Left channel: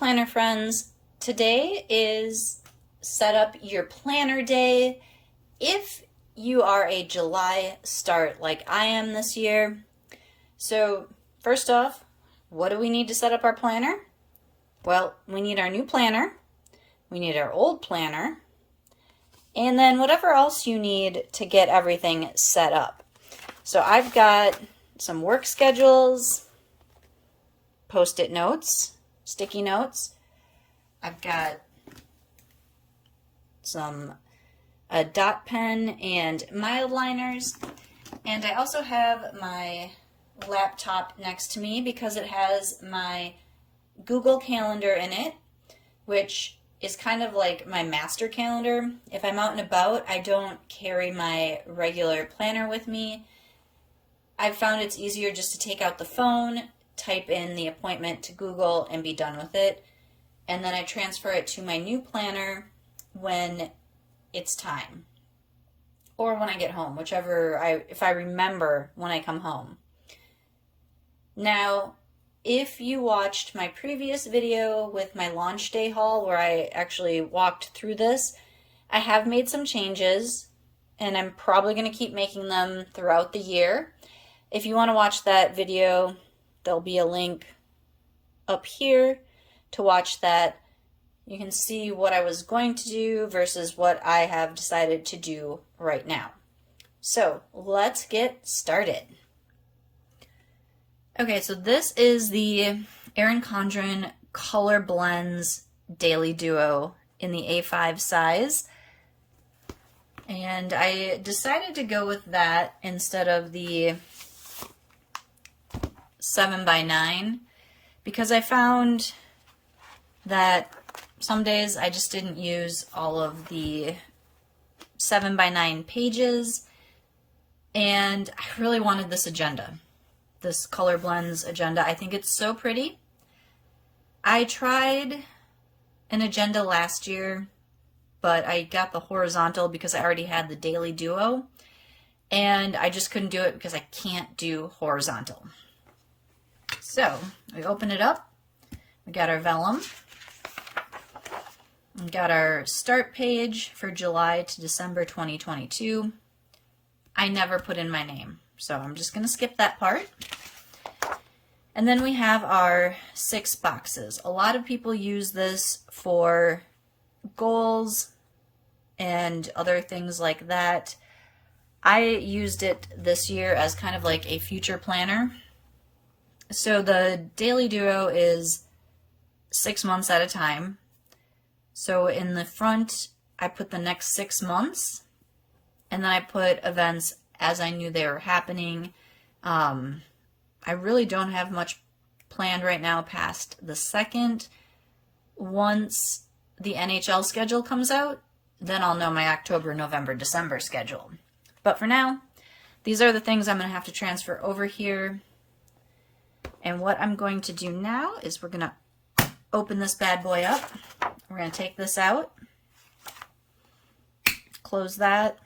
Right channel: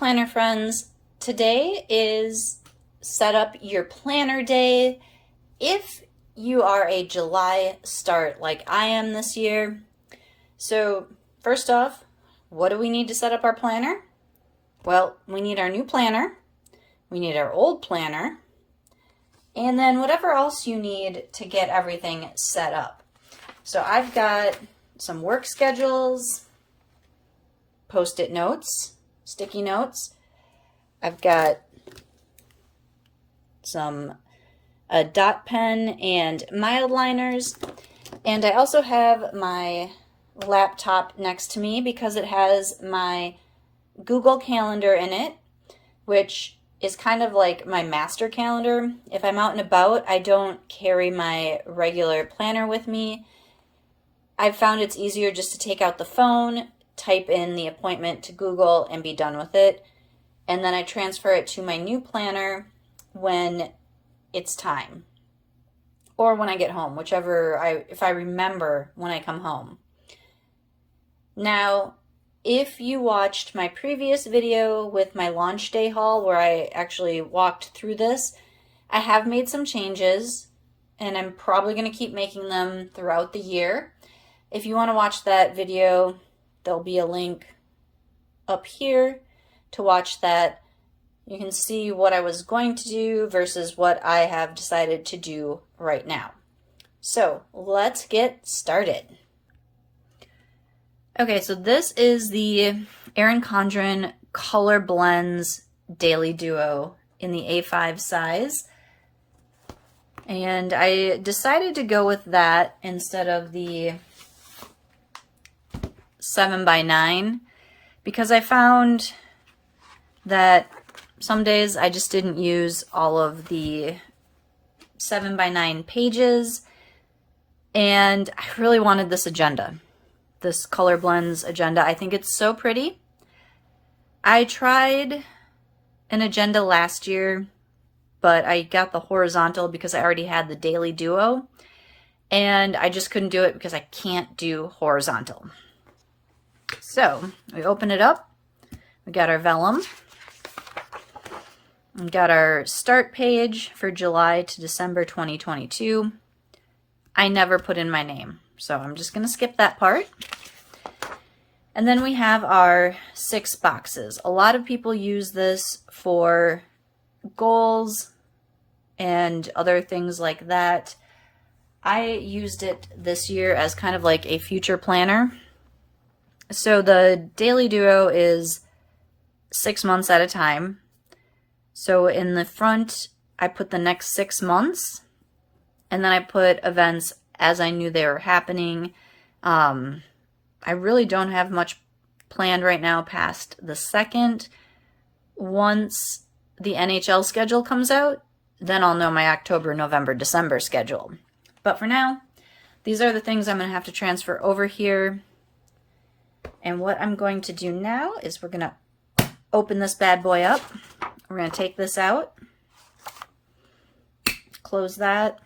planner friends. Today is set up your planner day. If you are a July start like I am this year. So first off, what do we need to set up our planner? Well, we need our new planner, we need our old planner, and then whatever else you need to get everything set up. So I've got some work schedules, post-it notes, sticky notes. I've got some a dot pen and mild liners, and I also have my laptop next to me because it has my Google Calendar in it, which is kind of like my master calendar. If I'm out and about, I don't carry my regular planner with me. I've found it's easier just to take out the phone, type in the appointment to Google, and be done with it. And then I transfer it to my new planner when it's time. Or when I get home, if I remember when I come home. Now, if you watched my previous video with my launch day haul where I actually walked through this, I have made some changes and I'm probably going to keep making them throughout the year. If you want to watch that video, there'll be a link up here to watch that. You can see what I was going to do versus what I have decided to do right now. So let's get started. Okay, so this is the Erin Condren Color Blends Daily Duo in the A5 size. And I decided to go with that instead of the 7x9 because I found that some days I just didn't use all of the 7x9 pages, and I really wanted this agenda. This Color Blends agenda. I think it's so pretty. I tried an agenda last year, but I got the horizontal because I already had the Daily Duo, and I just couldn't do it because I can't do horizontal. So we open it up. We got our vellum. We got our start page for July to December 2022. I never put in my name, so I'm just going to skip that part. And then we have our 6 boxes. A lot of people use this for goals and other things like that. I used it this year as kind of like a future planner. So the Daily Duo is 6 months at a time. So in the front, I put the next 6 months, and then I put events as I knew they were happening. I really don't have much planned right now past the 2nd. Once the NHL schedule comes out, then I'll know my October, November, December schedule. But for now, these are the things I'm going to have to transfer over here. And what I'm going to do now is we're going to open this bad boy up. We're going to take this out. Close that.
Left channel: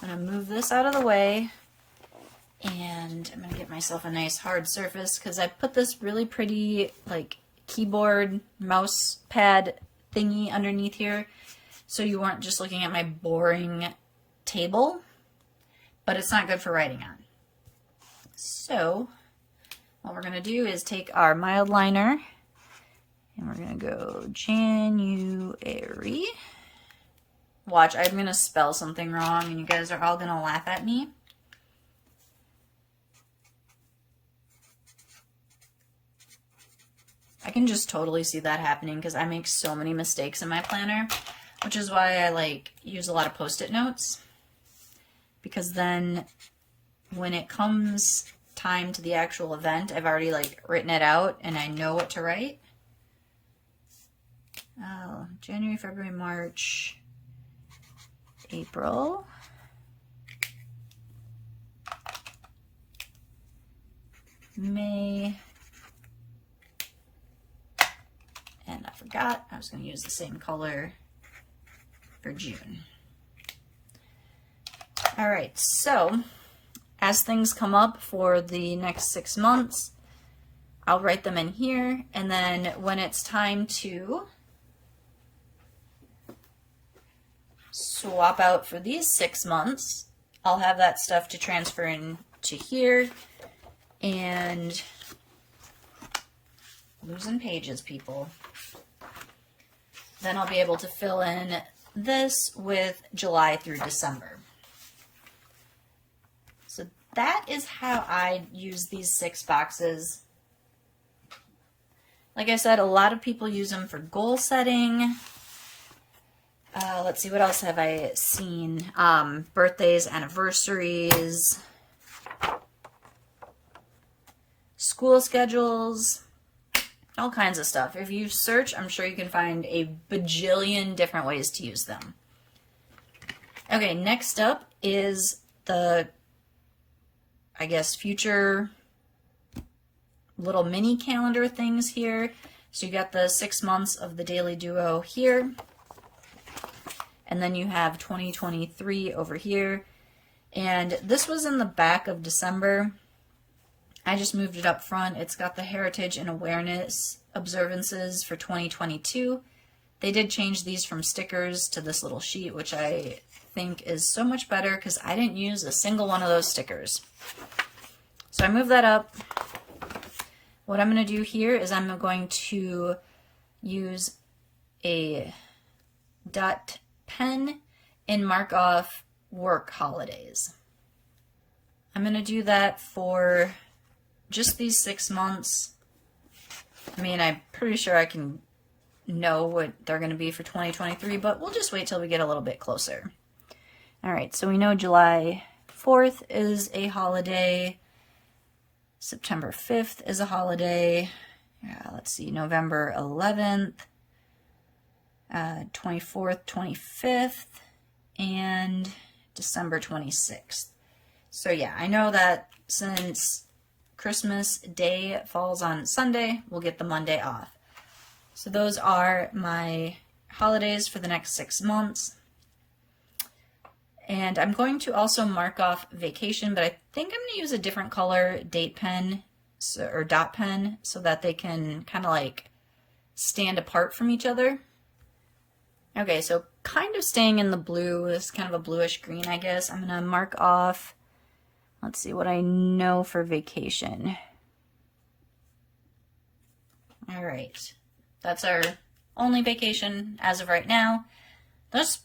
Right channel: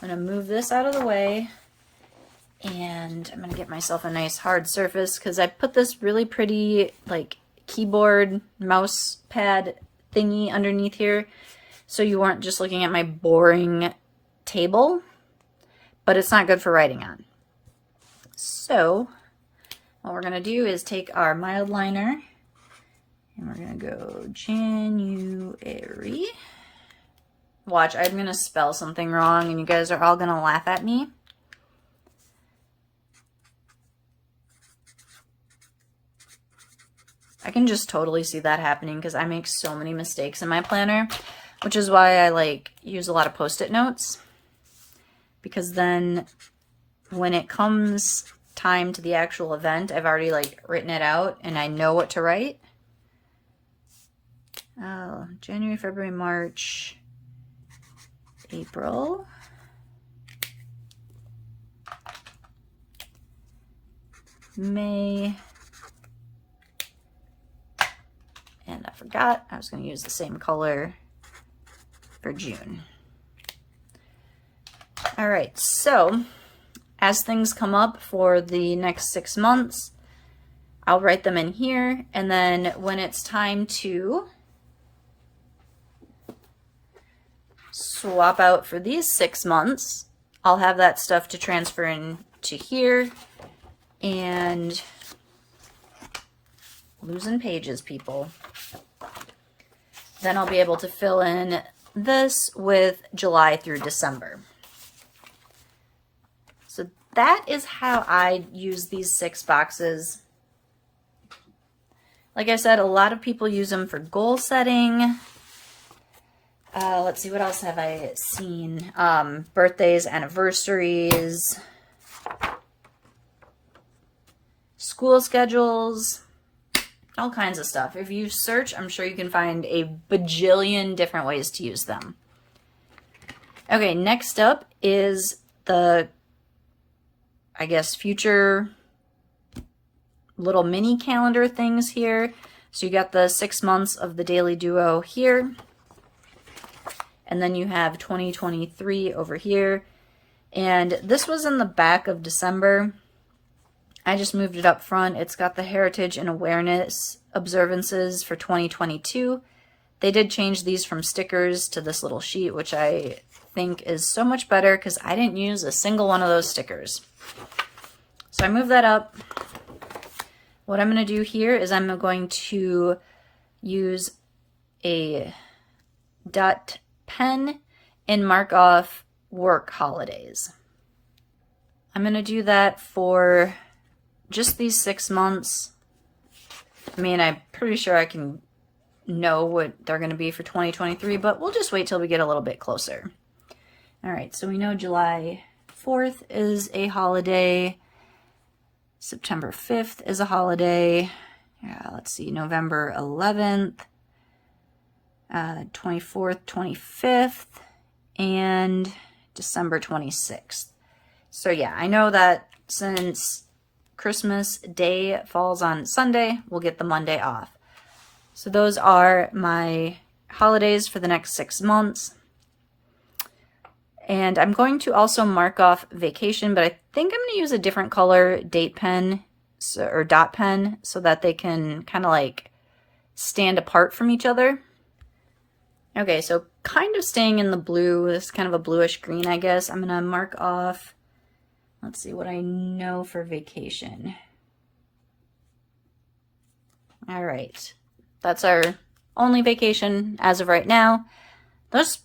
I'm going to move this out of the way. And I'm going to get myself a nice hard surface because I put this really pretty like keyboard mouse pad thingy underneath here. So you weren't just looking at my boring table. But it's not good for writing on. So what we're going to do is take our mild liner and we're going to go January. Watch, I'm going to spell something wrong and you guys are all going to laugh at me. I can just totally see that happening because I make so many mistakes in my planner, which is why I use a lot of post-it notes. Because then when it comes time to the actual event, I've already written it out and I know what to write. Oh, January, February, March, April, May, and I forgot I was going to use the same color for June. All right, so as things come up for the next 6 months, I'll write them in here, and then when it's time to swap out for these 6 months, I'll have that stuff to transfer into here. And losing pages, people. Then I'll be able to fill in this with July through December. So that is how I use these 6 boxes. Like I said, a lot of people use them for goal setting. Let's see, what else have I seen? Birthdays, anniversaries, school schedules, all kinds of stuff. If you search, I'm sure you can find a bajillion different ways to use them. Okay, next up is the, I guess, future little mini calendar things here. So you got the 6 months of the Daily Duo here. And then you have 2023 over here. And this was in the back of December. I just moved it up front. It's got the Heritage and Awareness observances for 2022. They did change these from stickers to this little sheet, which I think is so much better because I didn't use a single one of those stickers. So I moved that up. What I'm going to do here is I'm going to use a dot pen and mark off work holidays. I'm going to do that for just these 6 months. I mean, I'm pretty sure I can know what they're going to be for 2023, but we'll just wait till we get a little bit closer. All right, so we know July 4th is a holiday. September 5th is a holiday. Let's see, November 11th, 24th, 25th, and December 26th. So yeah, I know that since Christmas Day falls on Sunday, we'll get the Monday off. So those are my holidays for the next 6 months. And I'm going to also mark off vacation, but I think I'm going to use a different color date pen or dot pen so that they can kind of like stand apart from each other. Okay, so kind of staying in the blue, this is kind of a bluish green, I guess. I'm going to mark off, let's see what I know for vacation. All right, that's our only vacation as of right now. There's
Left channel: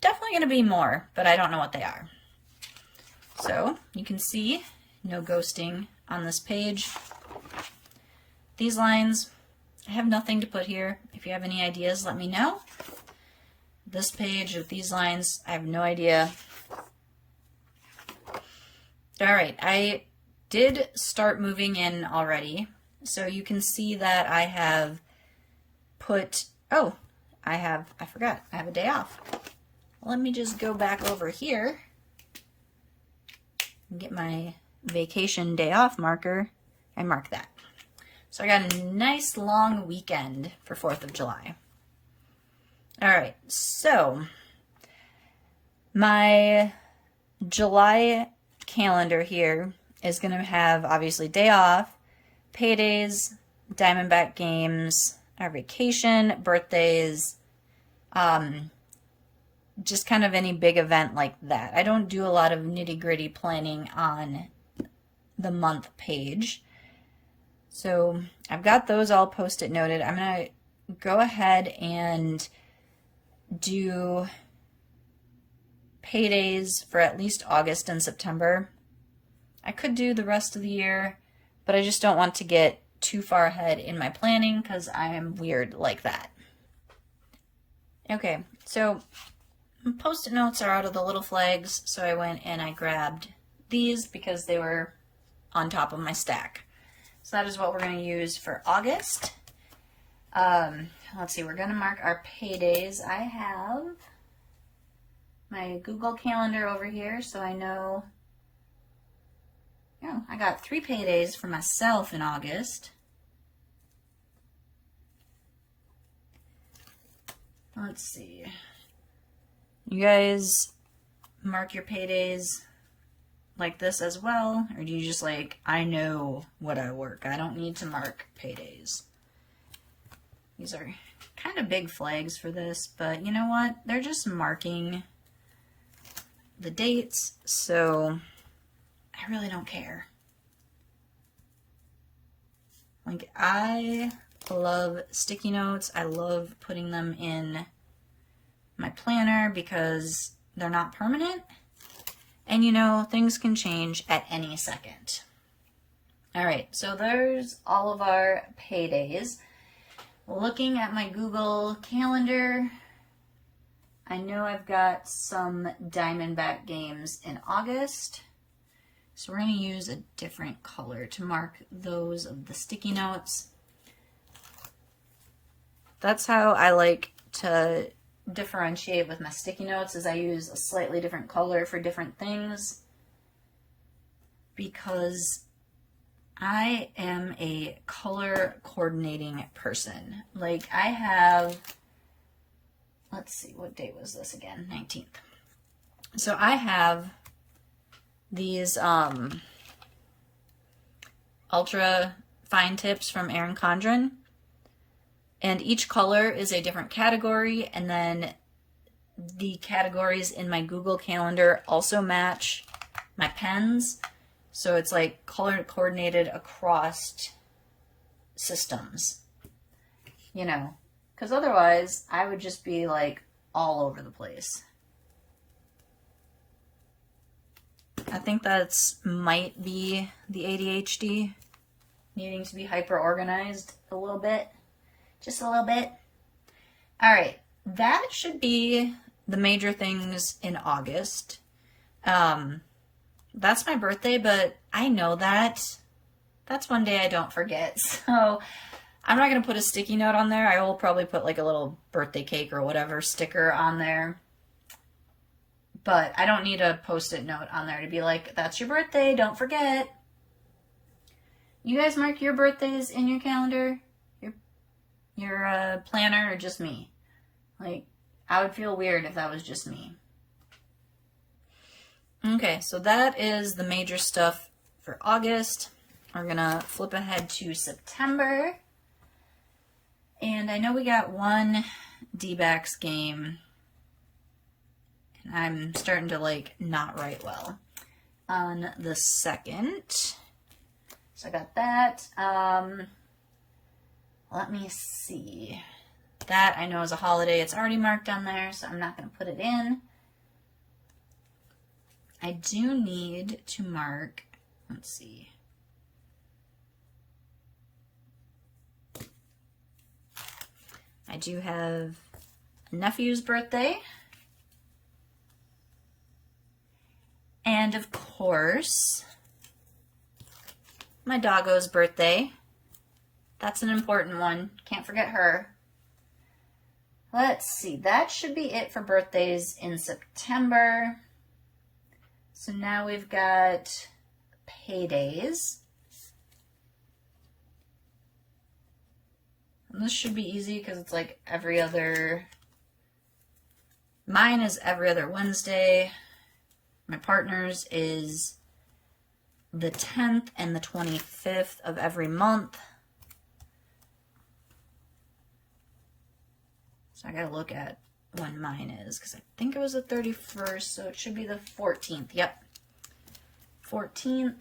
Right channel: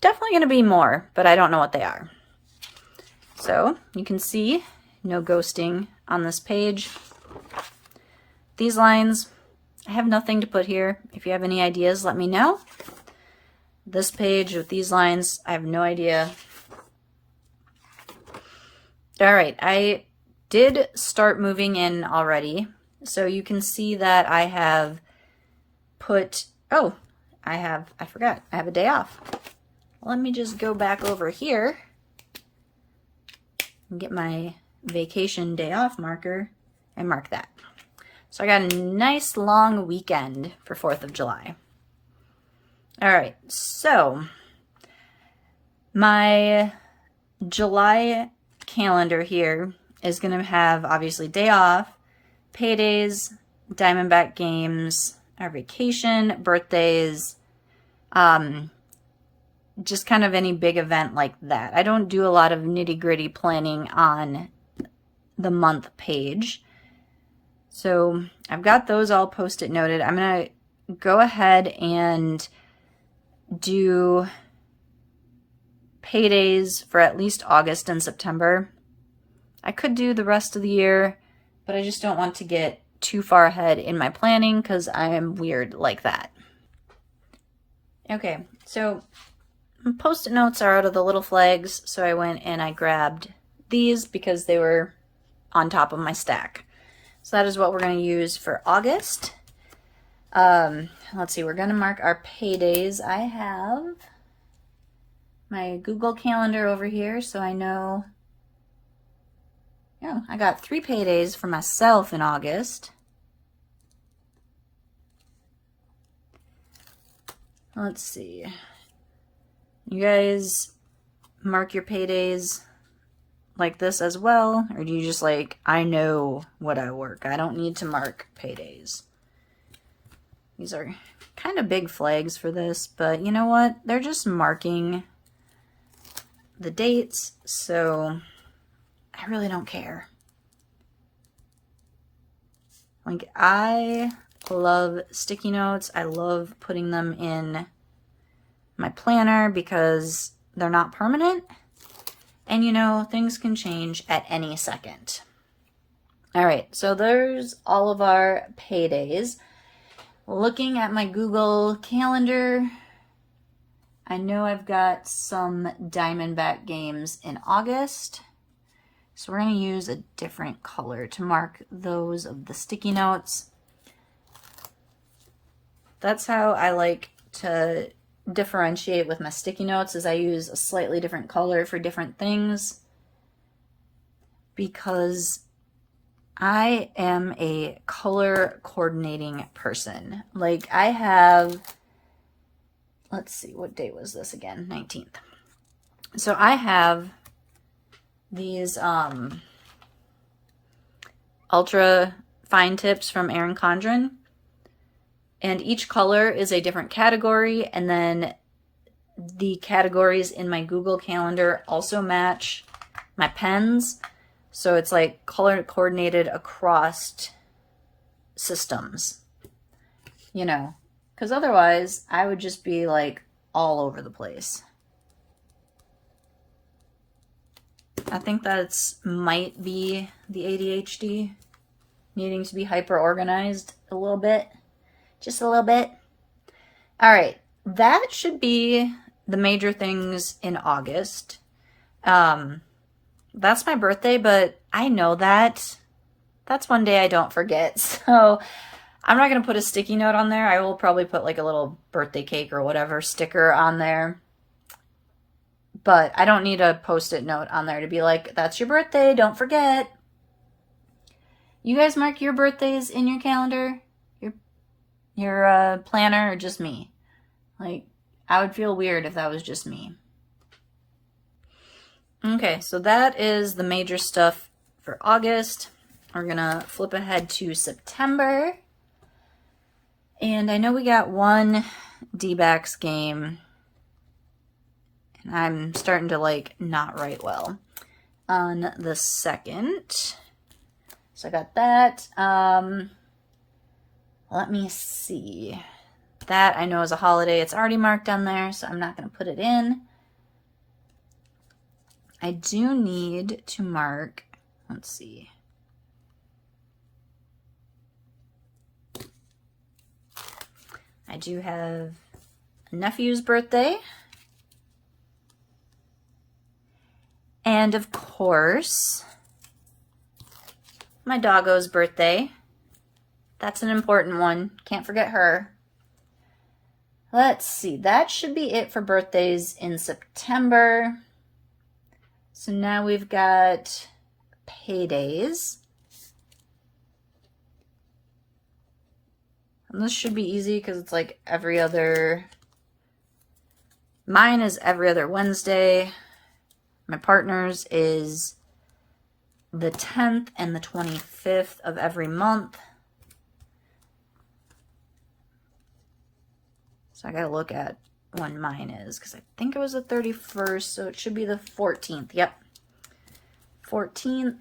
definitely going to be more, but I don't know what they are. So you can see no ghosting on this page. These lines, I have nothing to put here. If you have any ideas, let me know. This page with these lines, I have no idea. All right, I did start moving in already. So you can see that I have put, oh, I forgot, I have a day off. Let me just go back over here and get my vacation day off marker and mark that. So I got a nice long weekend for 4th of July. All right, so my July calendar here is going to have obviously day off, paydays, Diamondback games, our vacation, birthdays, just kind of any big event like that. I don't do a lot of nitty-gritty planning on the month page. So I've got those all post-it noted. I'm going to go ahead and do paydays for at least August and September. I could do the rest of the year, but I just don't want to get too far ahead in my planning because I am weird like that. Okay, so post-it notes are out of the little flags, so I went and I grabbed these because they were on top of my stack. So that is what we're going to use for August. Let's see, we're going to mark our paydays. I have my Google Calendar over here, so I know, yeah, I got 3 paydays for myself in August. Let's see. You guys mark your paydays like this as well? Or do you just like, I know what I work, I don't need to mark paydays? These are kind of big flags for this, but you know what? They're just marking the dates, so I really don't care. Like, I love sticky notes. I love putting them in my planner because they're not permanent. And you know, things can change at any second. All right, so there's all of our paydays. Looking at my Google Calendar, I know I've got some Diamondback games in August. So we're going to use a different color to mark those of the sticky notes. That's how I like to differentiate with my sticky notes, is I use a slightly different color for different things, because I am a color coordinating person. Like, I have, let's see, what day was this again? 19th. So I have these ultra fine tips from Erin Condren, and each color is a different category, and then the categories in my Google Calendar also match my pens, so it's like color coordinated across systems, you know, because otherwise I would just be like all over the place. I think that's might be the ADHD, needing to be hyper organized a little bit, just a little bit. All right, that should be the major things in August. That's my birthday, but I know that's one day I don't forget. So I'm not going to put a sticky note on there. I will probably put like a little birthday cake or whatever sticker on there. But I don't need a post-it note on there to be like, that's your birthday, don't forget. You guys mark your birthdays in your calendar, your planner, or just me? Like, I would feel weird if that was just me. Okay, so that is the major stuff for August. We're going to flip ahead to September. And I know we got one D-backs game. I'm starting to like not write well on the 2nd. So I got that. Let me see. That I know is a holiday. It's already marked on there, so I'm not going to put it in. I do need to mark, let's see. I do have a nephew's birthday. And of course, my doggo's birthday. That's an important one. Can't forget her. Let's see. That should be it for birthdays in September. So now we've got paydays. And this should be easy because it's like every other. Mine is every other Wednesday. My partner's is the 10th and the 25th of every month. So I gotta look at when mine is, because I think it was the 31st, so it should be the 14th. Yep. 14th.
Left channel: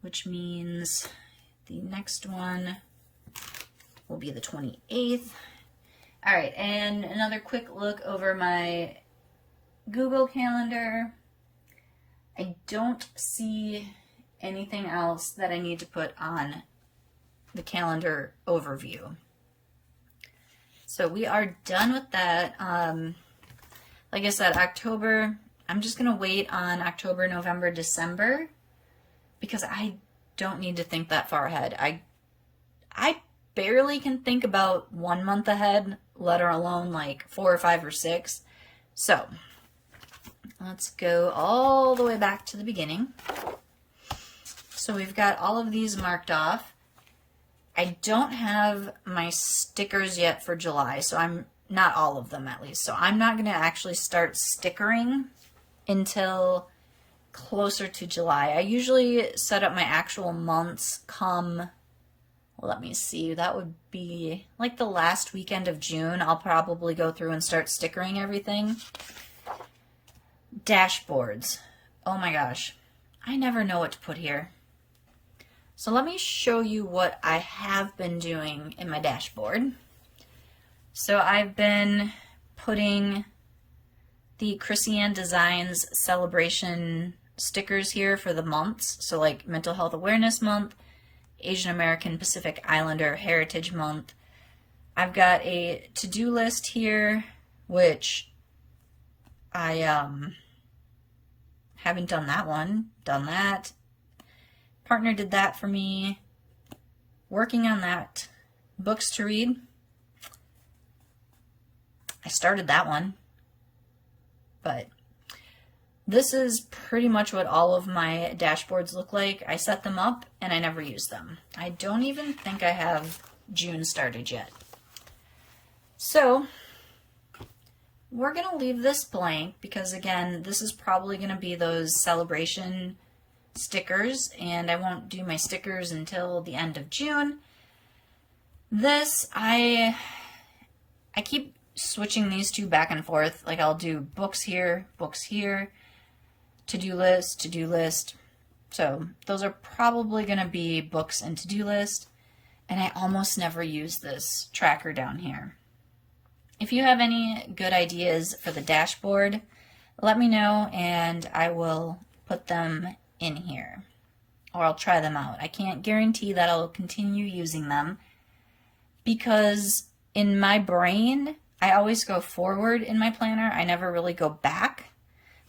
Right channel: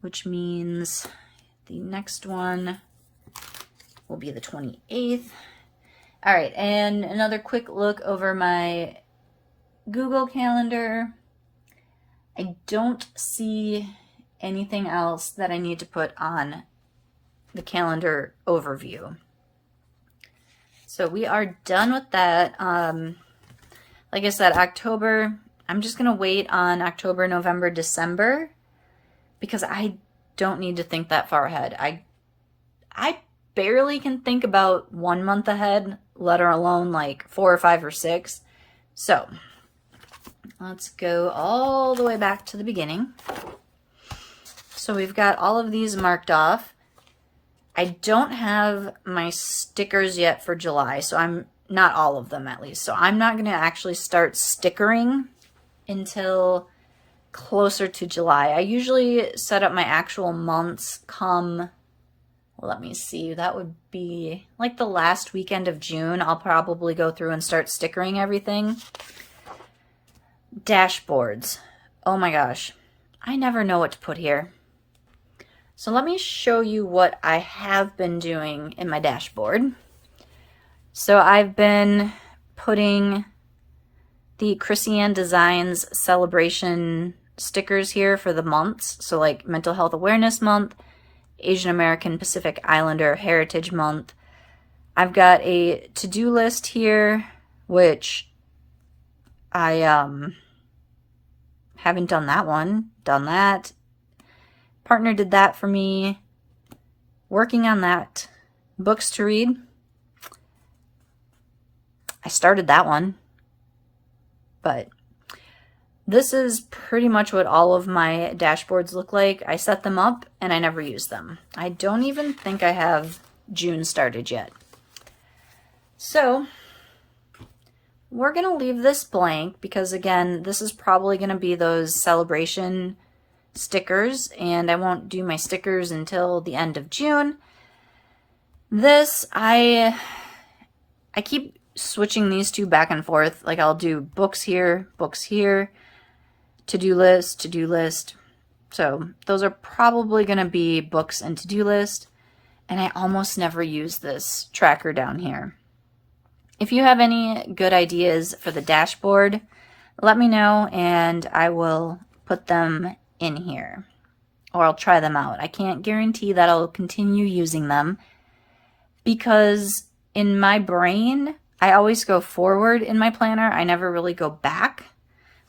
Which means the next one will be the 28th. All right, and another quick look over my Google Calendar. I don't see anything else that I need to put on the calendar overview. So we are done with that. Like I said, October, I'm just going to wait on October, November, December, because I don't need to think that far ahead. I barely can think about 1 month ahead, let alone like 4 or 5 or 6. So let's go all the way back to the beginning. So we've got all of these marked off. I don't have my stickers yet for July, so I'm not all of them at least. So I'm not going to actually start stickering until closer to July. I usually set up my actual months come, let me see, that would be like the last weekend of June. I'll probably go through and start stickering everything. Dashboards. Oh my gosh. I never know what to put here. So let me show you what I have been doing in my dashboard. So I've been putting the Chrissy-Ann Designs celebration stickers here for the months. So like Mental Health Awareness Month, Asian American Pacific Islander Heritage Month. I've got a to-do list here, which I haven't done that one. Done that. Partner did that for me. Working on that. Books to read. I started that one. But this is pretty much what all of my dashboards look like. I set them up and I never use them. I don't even think I have June started yet. So we're going to leave this blank because, again, this is probably going to be those celebration stickers, and I won't do my stickers until the end of June. This, I keep switching these two back and forth. Like I'll do books here, to-do list. So those are probably going to be books and to-do list. And I almost never use this tracker down here. If you have any good ideas for the dashboard, let me know and I will put them in here. Or I'll try them out. I can't guarantee that I'll continue using them because in my brain, I always go forward in my planner. I never really go back,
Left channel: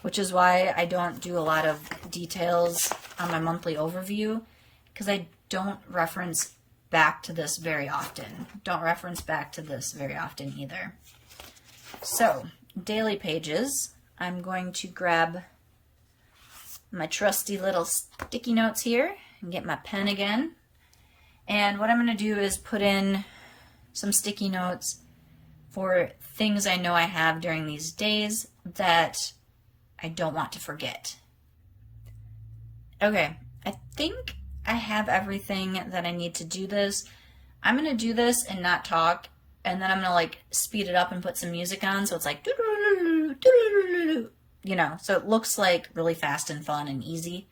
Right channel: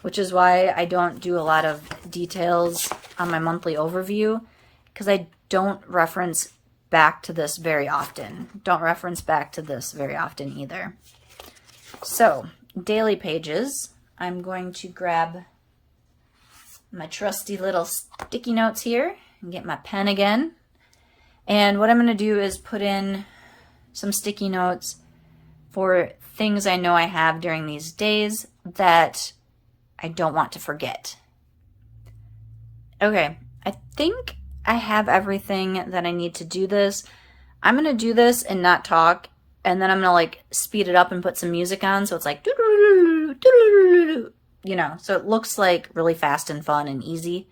which is why I don't do a lot of details on my monthly overview because I don't reference back to this very often. Don't reference back to this very often either. So, daily pages. I'm going to grab my trusty little sticky notes here and get my pen again. And what I'm going to do is put in some sticky notes for things I know I have during these days that I don't want to forget. Okay, I think I have everything that I need to do this. I'm going to do this and not talk, and then I'm going to like speed it up and put some music on so it's like, you know, so it looks like really fast and fun and easy,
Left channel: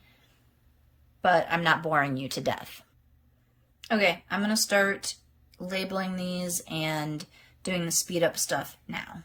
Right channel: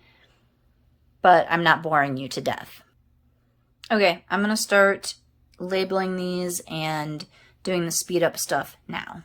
but I'm not boring you to death. Okay, I'm going to start labeling these and doing the speed up stuff now.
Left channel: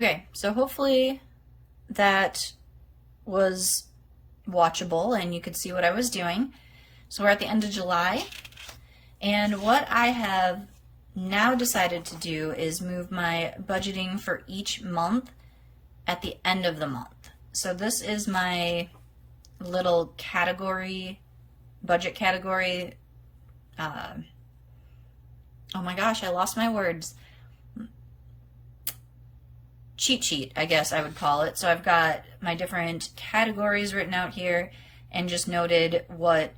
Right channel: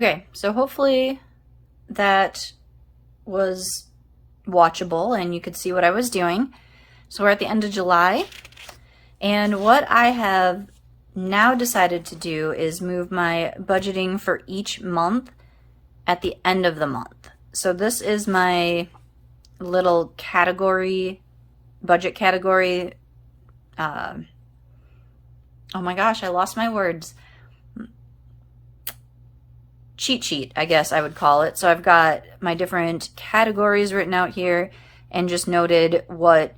Okay, so hopefully that was watchable and you could see what I was doing. So we're at the end of July, and what I have now decided to do is move my budgeting for each month at the end of the month. So this is my little category, budget category. Oh my gosh, I lost my words. Cheat sheet, I guess I would call it. So I've got my different categories written out here and just noted what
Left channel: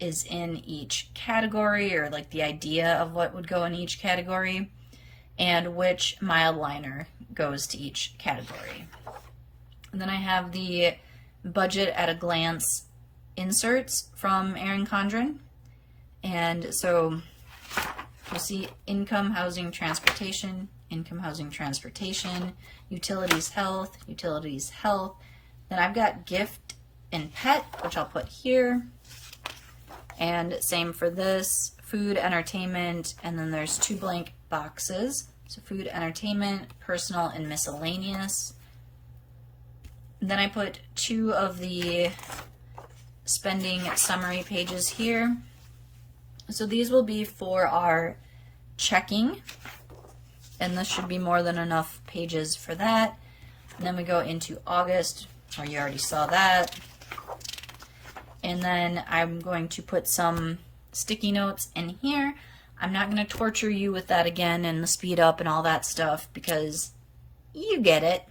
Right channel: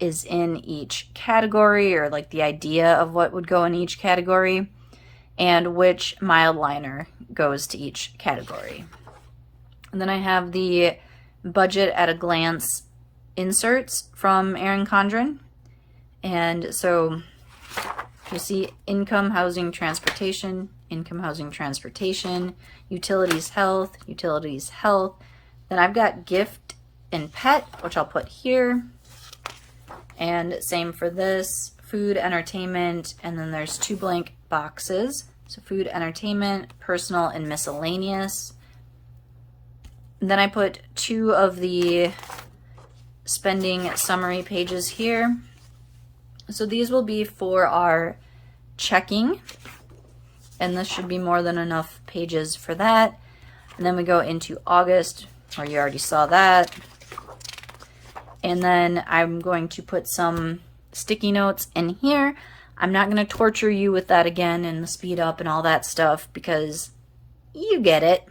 is in each category, or like the idea of what would go in each category and which mild liner goes to each category. And then I have the budget at a glance inserts from Erin Condren. And so you see income, housing, transportation, utilities, health. Then I've got gift and pet, which I'll put here. And same for this, food, entertainment, and then there's two blank boxes. So food, entertainment, personal, and miscellaneous. And then I put two of the spending summary pages here. So these will be for our checking, and this should be more than enough pages for that. And then we go into August, or you already saw that. And then I'm going to put some sticky notes in here. I'm not going to torture you with that again and the speed up and all that stuff because you get it.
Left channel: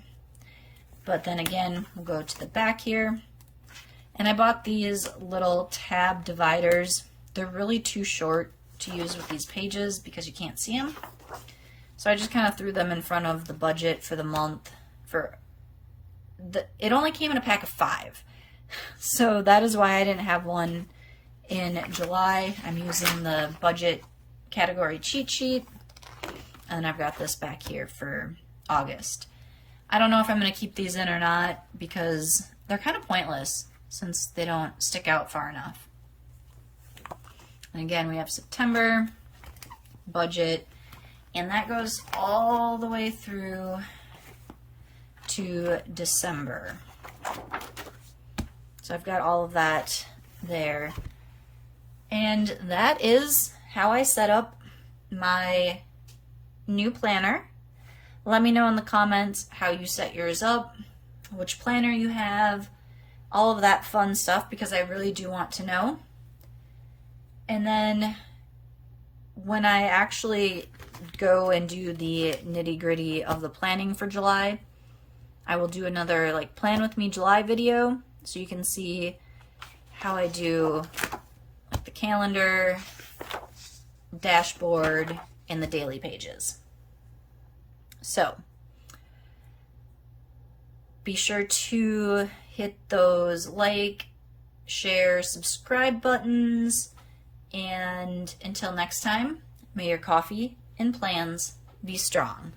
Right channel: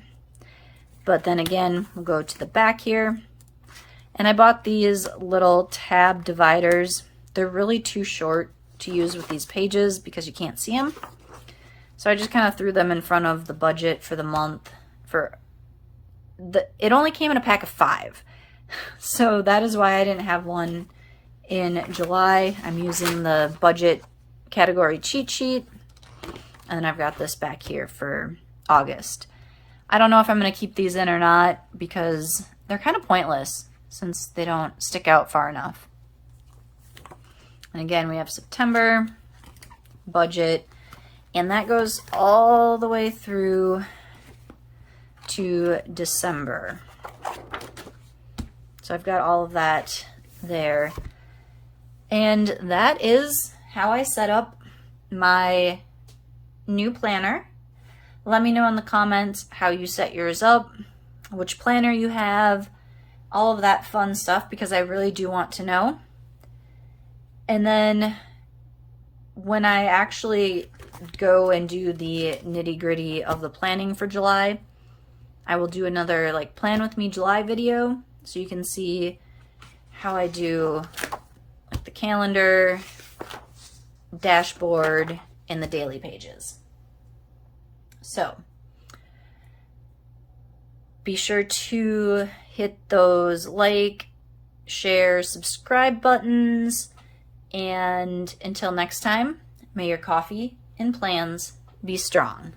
But then again, we'll go to the back here. And I bought these little tab dividers. They're really too short to use with these pages because you can't see them. So I just kind of threw them in front of the budget for the month. It only came in a pack of 5. So that is why I didn't have one in July. I'm using the budget category cheat sheet. And I've got this back here for August. I don't know if I'm going to keep these in or not because they're kind of pointless since they don't stick out far enough. And again, we have September, budget, and that goes all the way through to December. So I've got all of that there. And that is how I set up my new planner. Let me know in the comments how you set yours up, which planner you have, all of that fun stuff, because I really do want to know. And then when I actually go and do the nitty-gritty of the planning for July, I will do another like Plan With Me July video so you can see how I do like the calendar, dashboard, and the daily pages. So be sure to hit those like, share, subscribe buttons, and until next time, may your coffee and plans be strong.